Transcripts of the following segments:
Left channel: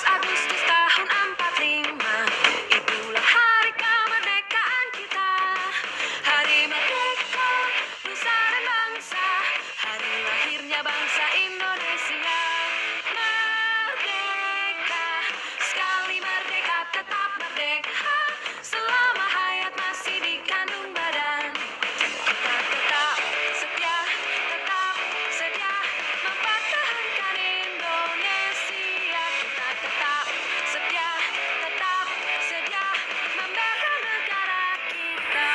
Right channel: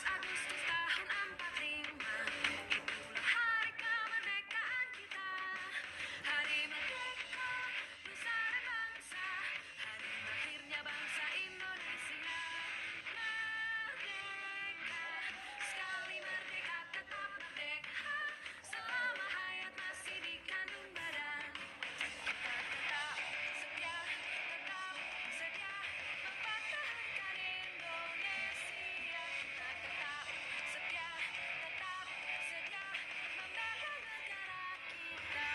Agustus tahun 45, itulah hari kemerdekaan kita. Hari merdeka, nusa dan bangsa, hari lahirnya bangsa Indonesia. Merdeka, sekali merdeka tetap merdeka, selama hayat masih dikandung badan. Kita tetap setia mempertahankan Indonesia. Kita tetap setia membela negara kita.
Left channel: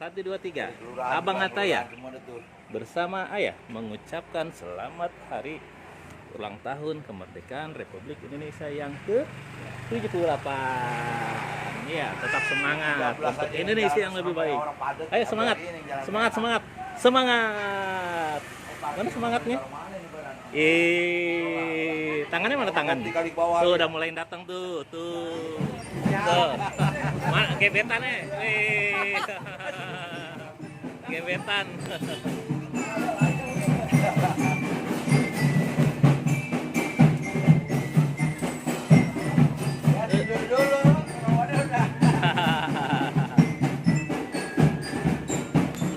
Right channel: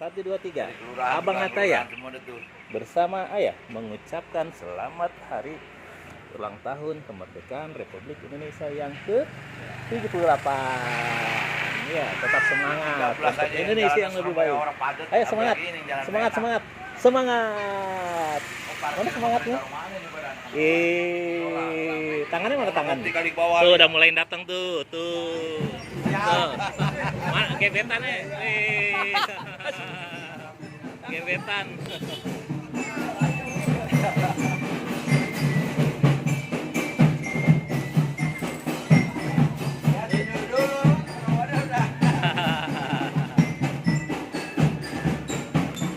Satu dua tiga, Abang Ataya bersama ayah mengucapkan selamat hari ulang tahun kemerdekaan Republik Indonesia yang ke-78. Ya, tetap semangat untuk Indonesia yang lebih baik. Ayo semangat, semangat. Mana semangatnya? Tangannya mana tangan? Tuh udah mulai datang tuh. Mana gebetannya? Gebetan.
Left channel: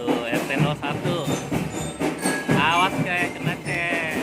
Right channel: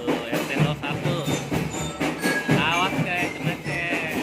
Tuh RT 01. Awas kayak kena cek.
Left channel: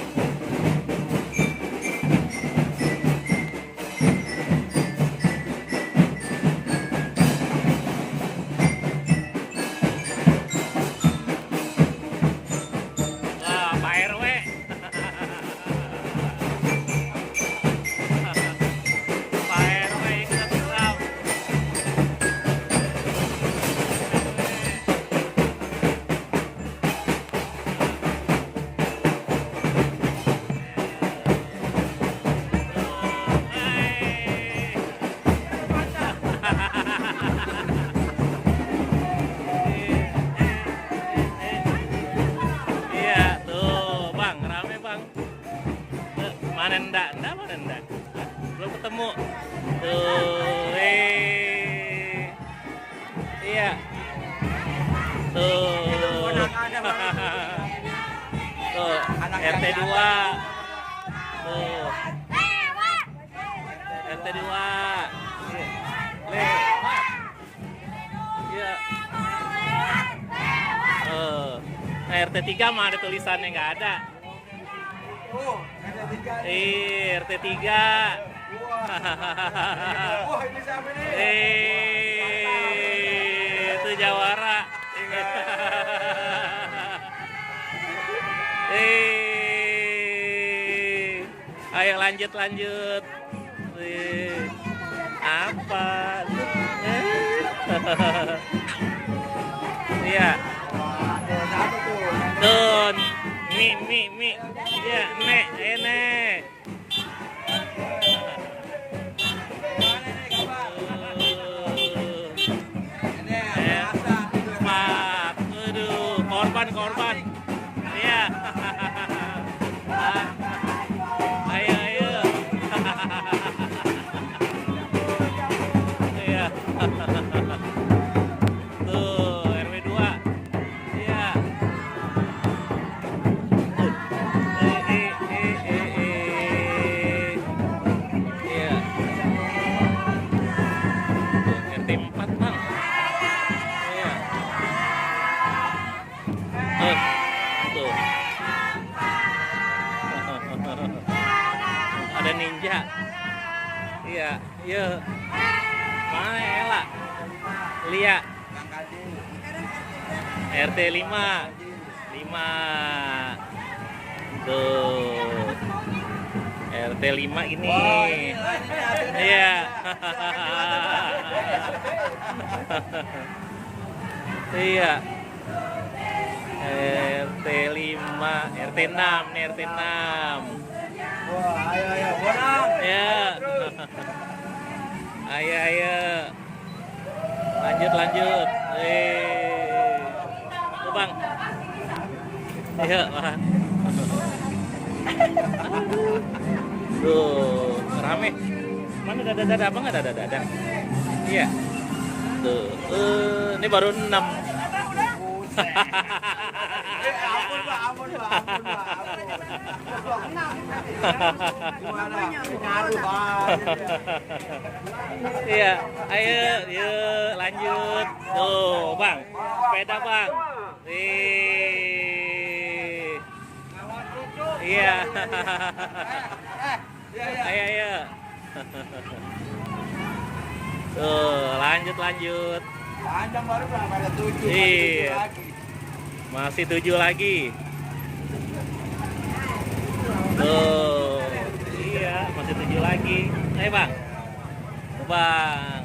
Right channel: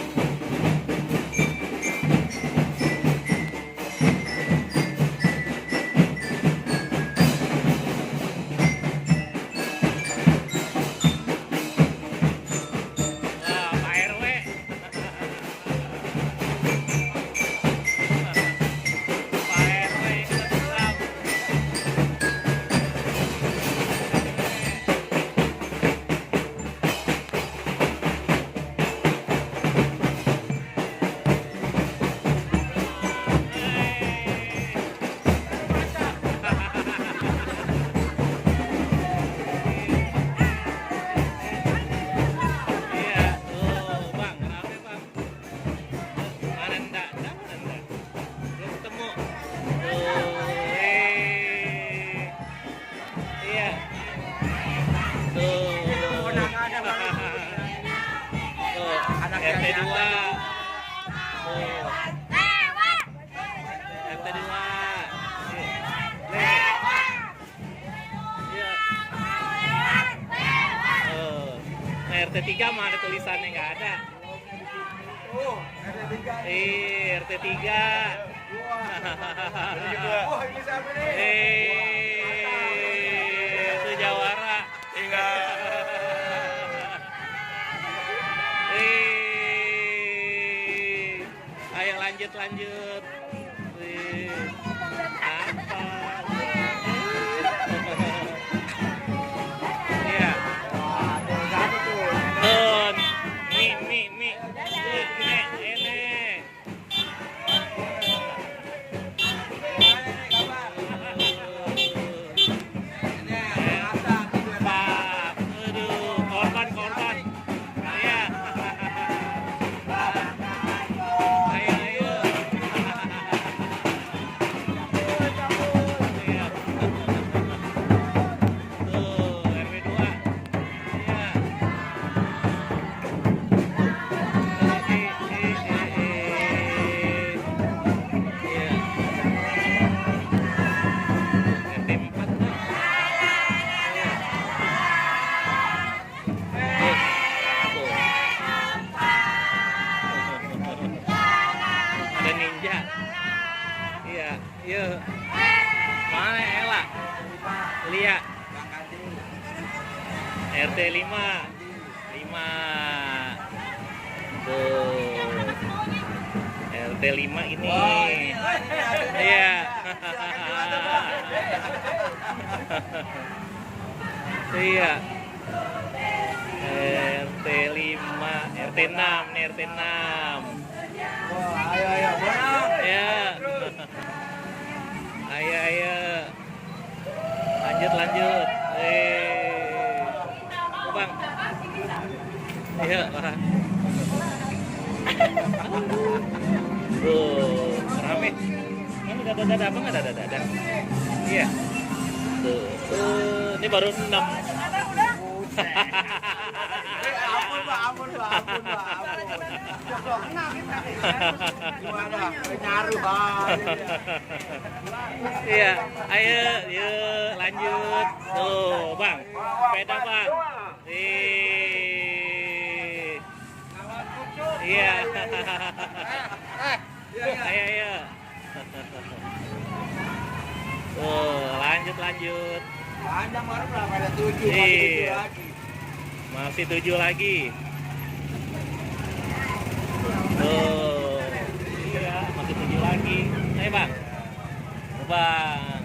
Belum ketemu. Iya. Tuh. RT 2. Tuh. RT 2. Iya. RT 3 mah ada tulisannya nggak ada. RT 3. Itu Jawara. Ayo lanjut. Apa? Iya. Tuh, mie. Ya, enek. Korban. Iya. Ayo. Iya. Tuh, RW 2. Iya. Ada ninja. Iya. Mana Ella? Lia. RT 5. Tuh. RT 5 ini. Iya. Iya. RT 5, RT 6 nih, RT 6. Ya. Ayo. Lanjut. Tuh, Bang. Ayo, Bang. Tuh, rame. Mana dada-dada, Abang ada dada-dada? Iya. Tuh, ini baru 6. Iya, ayo, yuk lanjut. Tuh, Bang, sepeda Bang. Iya. Ayo. Tuh, lanjut. Panjang baru berapa? Ada 7, Iya. lagi. Masih 7 lagi. Tuh. Iya, masih 7 lagi. Ayo, Bang. Tuh, Bang.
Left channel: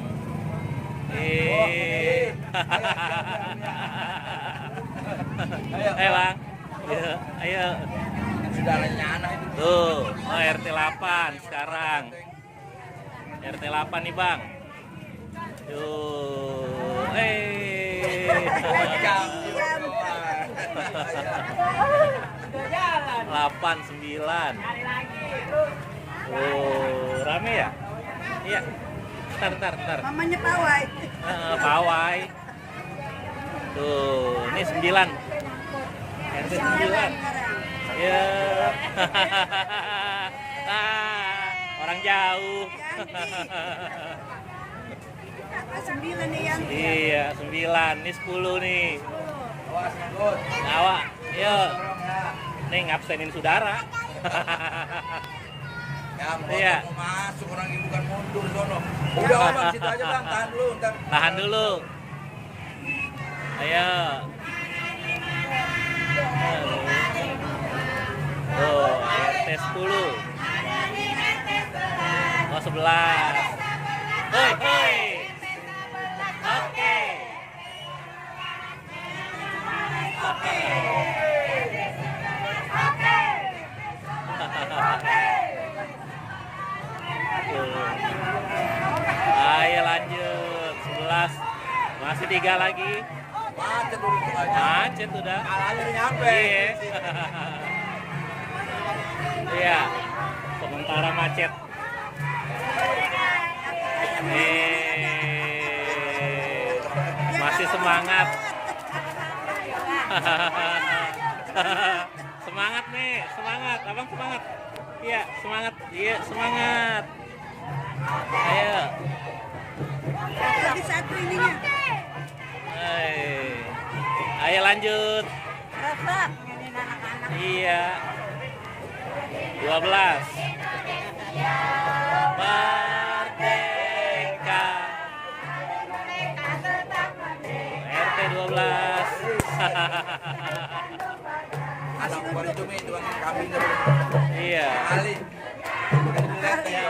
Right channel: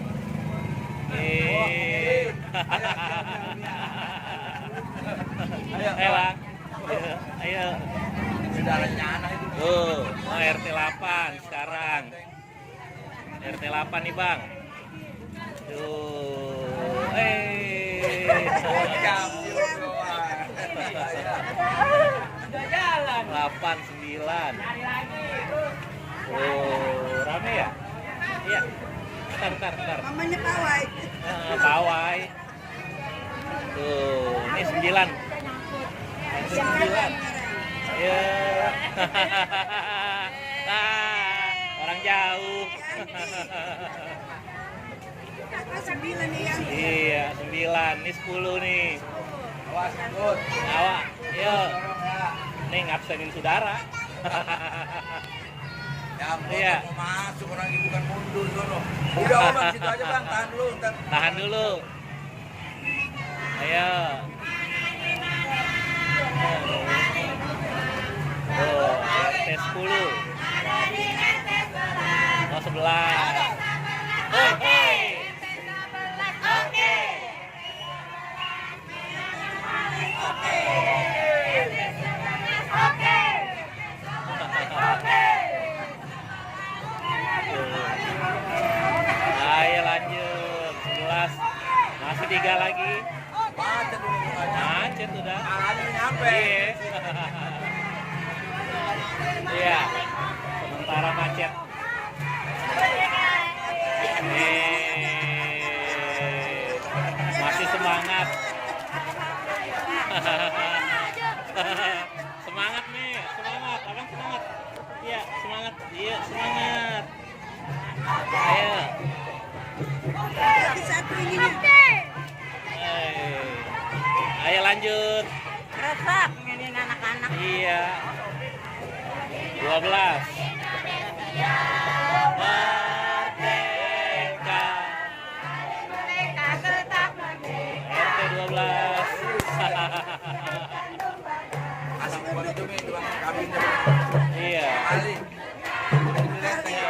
Ayo, Bang. Ayo. Tuh, RT 8 sekarang. RT 8 nih, Bang. Tuh. 8, 9. Oh, rame ya? Iya. Ntar. Mamanya pawai. Pawai. Tuh, ini 9. RT 9. Ya. Orang jauh. 9 nih yang Iya, 9. Ini 10 nih. Tawa. Yo. Nih ngabsenin saudara. Iya. Masuk orang ibu kan mundur sono. Udah orang situ aja Bang, tahan dulu ntar. Tahan dulu. Ayo. Tuh, RT 10. Oh, 11. Hoi. Oke. Ayo lanjut. 11. Masih 3 lagi. Macet dulu. Macet udah. Kalahnya nyampe. Iya. Iya. Sementara macet. Masih semangat. Semangat nih, semangat. Abang semangat. Iya, semangat. Iya, semangat. Ayo. jadi satu ininya. Ayo lanjut. Resep ini anak-anak. Iya. 12. Merdeka. RT 12. Asal orang itu nih tuan kabinnya. Iya. Kali. Ya.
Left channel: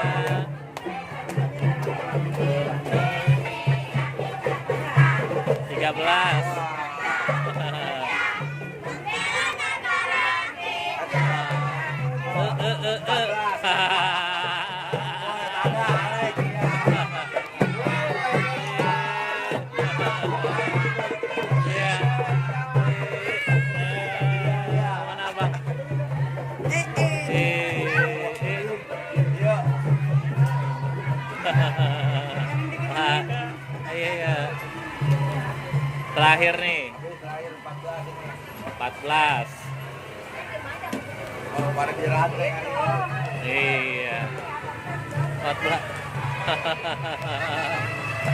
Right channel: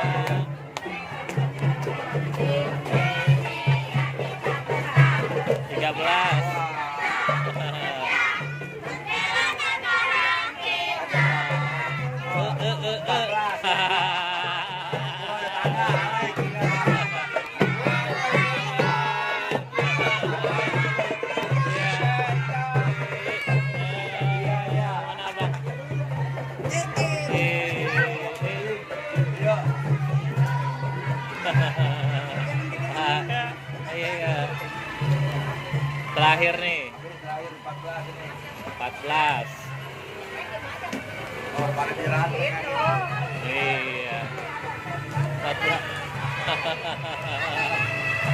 13. Mana Bang? Iya. Terakhir nih. 14. Kalau pada dirantai kan. Iya. 14.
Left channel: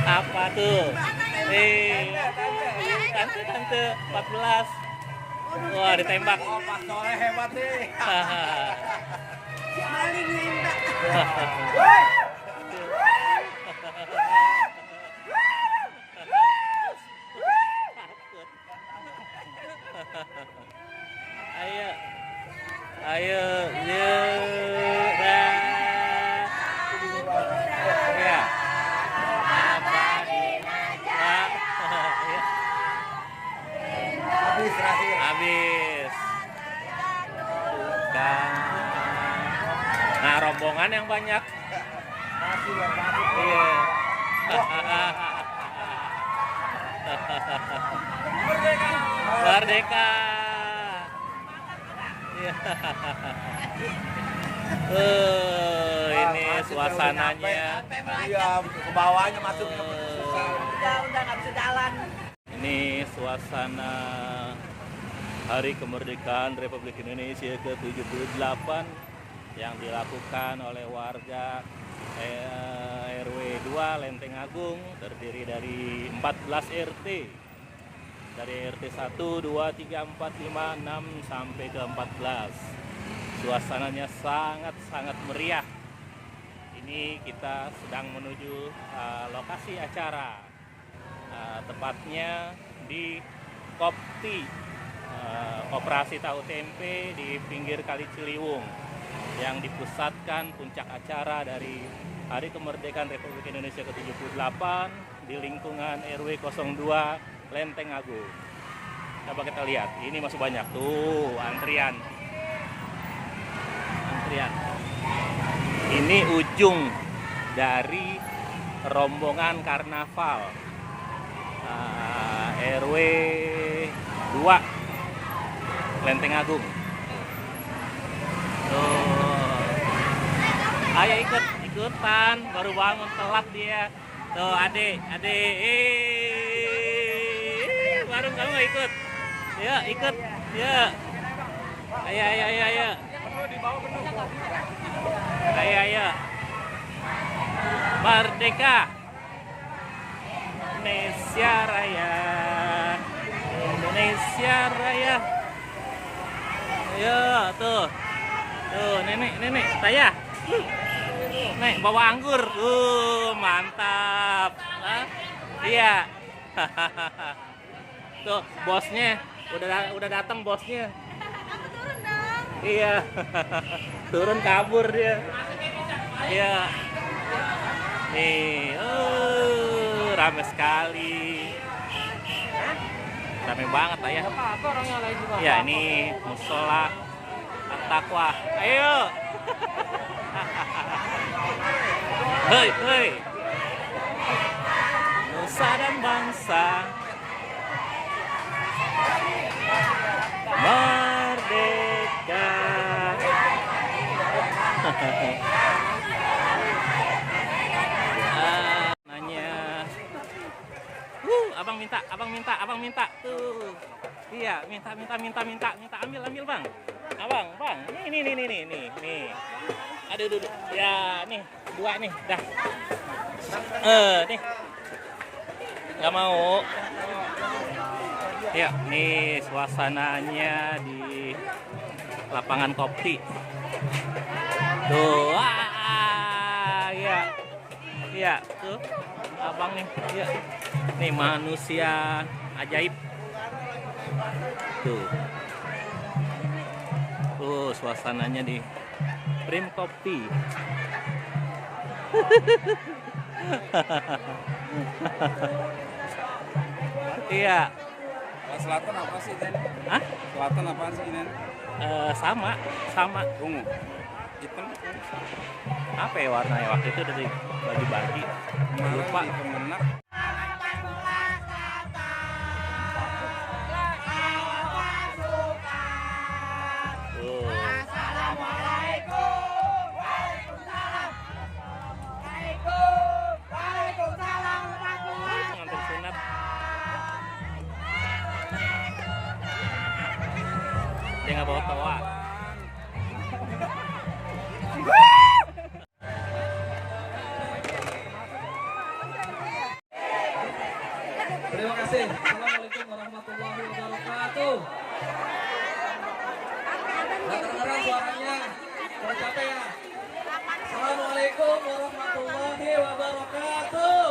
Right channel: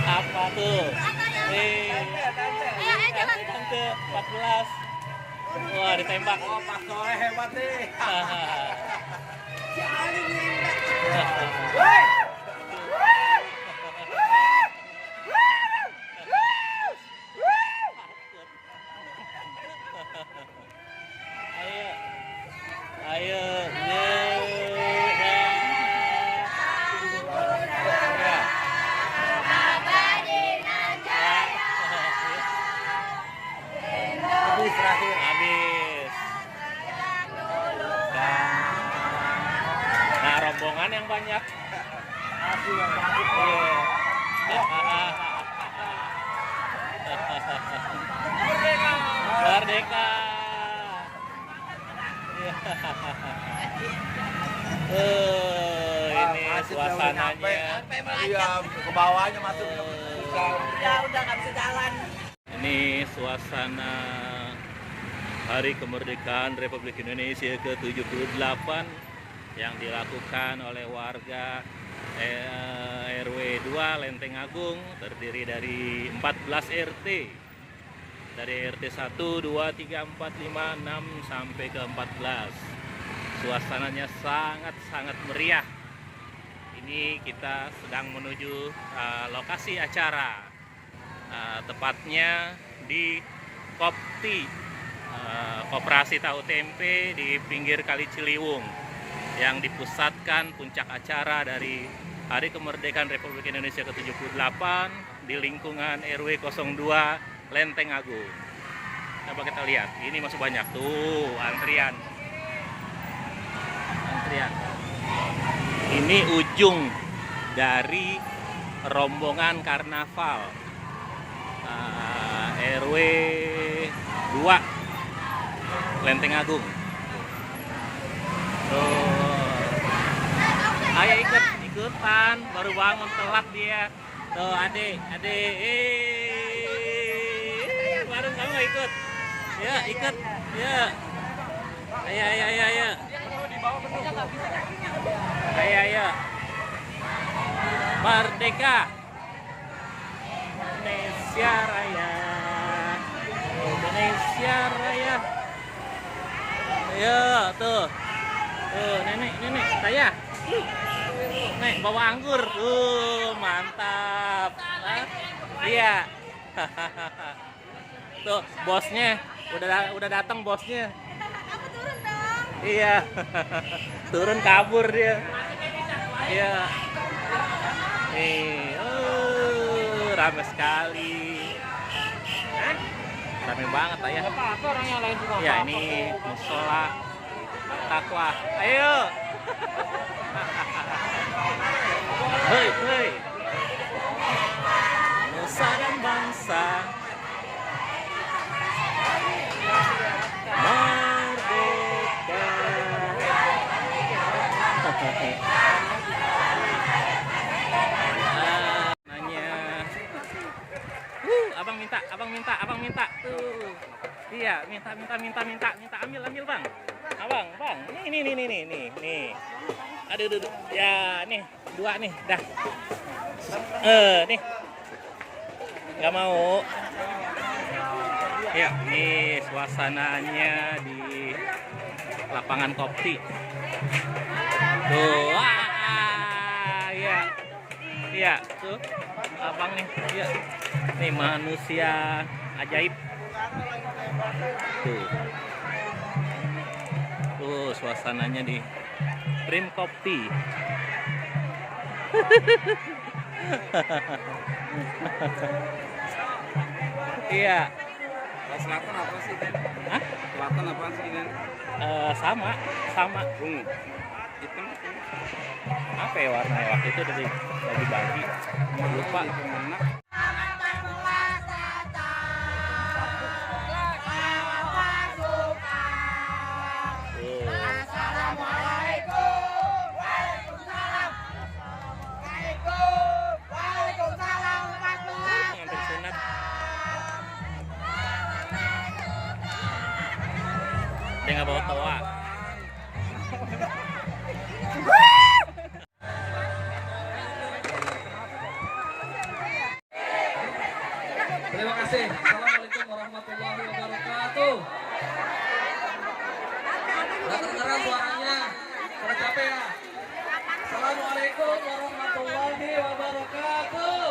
Apa tuh? Tante 14. Wah, ditembak. Oh, Pak Soleh hebat nih. Paling nembak. Ayo, Habis terakhir. habis. Nah, rombongan yang banyak. Iya. Merdeka. Iya. Ini suasananya. Iya, ke bawahnya masuk susah. Udah nggak bisa jalan. Ini suasana Hari Kemerdekaan Republik Indonesia ke-78 yang dilakukan oleh warga RW 2 Lenteng Agung, terdiri dari 14 RT. Dari RT 1, 2, 3, 4, 5, 6 sampai ke 14. Suasananya sangat-sangat meriah. Ini kita sedang menuju lokasi acara. Tepatnya di Kopti, Koperasi Tahu Tempe di pinggir Kali Ciliwung, yang dipusatkan puncak acara dari Hari Kemerdekaan Republik Indonesia ke-78 di lingkungan RW 02 Lenteng Agung. Coba kita lihat, ini masih banyak tuh antrian. Ini ujung dari rombongan karnaval RW 2 Lenteng Agung. Tuh, ayo ikutan, baru bangun telat dia. Tuh adik, baru kamu nggak ikut? Ya ikut, ya. Ayo. Ayo. Merdeka. Indonesia Raya. Indonesia Raya. Ayo, tuh, nenek, saya. Nek, bawa anggur. Mantap. Iya. Tuh, bosnya. Udah datang bosnya. Iya. Turun kabur dia. Iya. Nih, rame sekali. Rame banget ya. Ya, ini musola At-Taqwa. Ayo. Hei. Nusa dan bangsa. Merdeka. Nanya. Abang minta tuh. Iya, minta. Ambil Bang. Bang. Nih. Aduh. Ya, nih, 2 nih, dah. Nih. Nggak mau. Ya, nih suasananya di lapangan Kopti. Tuh, iya, tuh, abang nih, ya, nih manusia ajaib. Tuh, suasananya di Prim Kopti. Iya. Selatan apa sih, Den? Hah? Selatan apa sih, Den? Sama. Ungu. Hitam. Apa ya warnanya waktu itu udah dibagi-bagi. Lupa. Tuh. Pengantin sunat. Dia nggak bawa toa. Terima kasih. Assalamualaikum warahmatullahi wabarakatuh. Nggak kedengeran suaranya. Udah capek ya. Assalamualaikum warahmatullahi wabarakatuh.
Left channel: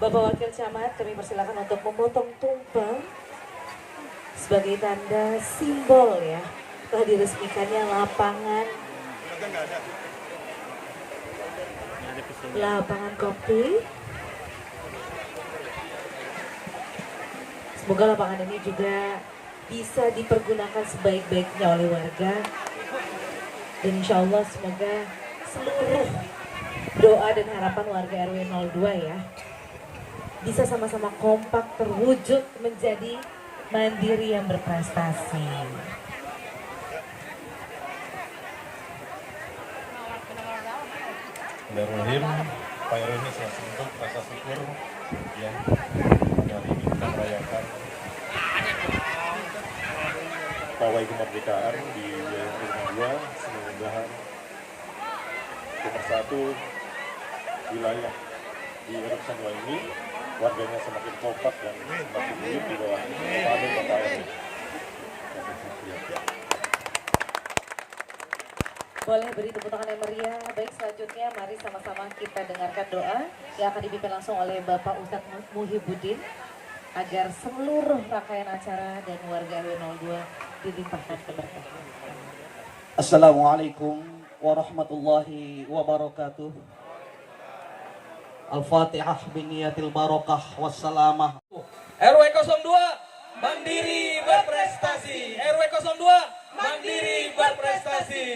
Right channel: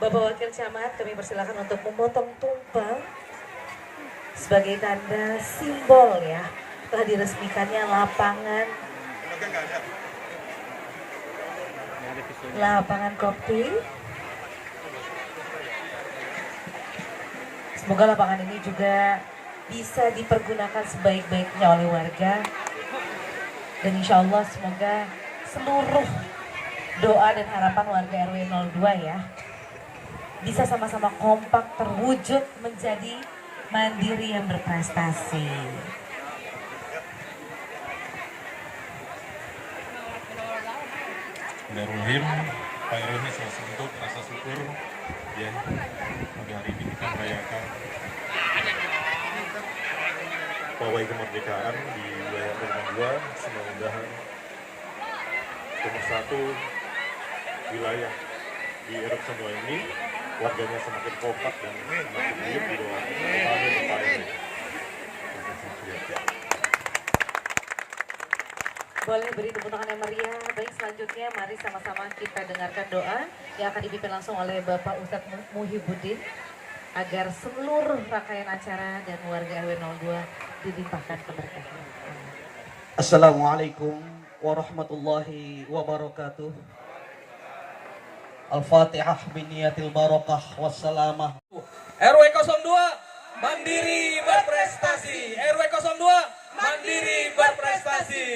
Bapak Wakil Camat, kami persilakan untuk memotong tumpeng sebagai tanda simbol ya telah diresmikannya lapangan kopi. Semoga lapangan ini juga bisa dipergunakan sebaik-baiknya oleh warga. Dan insya Allah semoga seluruh doa dan harapan warga RW 02 ya bisa sama-sama kompak terwujud menjadi mandiri yang berprestasi. Bismillahirrahmanirrahim. Pak RW ini salah satu rasa syukur yang hari ini kita merayakan pawai kemerdekaan di wilayah RW 2. Semoga pemersatu wilayah di RW 2 ini warganya semakin kompak dan semakin baik di bawah kepala Bapak RW. Boleh beri tepuk tangan yang meriah. Baik, selanjutnya mari sama-sama kita dengarkan doa yang akan dipimpin langsung oleh Bapak Ustadz Muhyiddin agar seluruh rangkaian acara dan warga RW 02 dilimpahkan keberkahan. Assalamualaikum warahmatullahi wabarakatuh. Al-Fatihah biniyatil barakah wassalamah. RW 02 mandiri berprestasi. RW 02 mandiri berprestasi.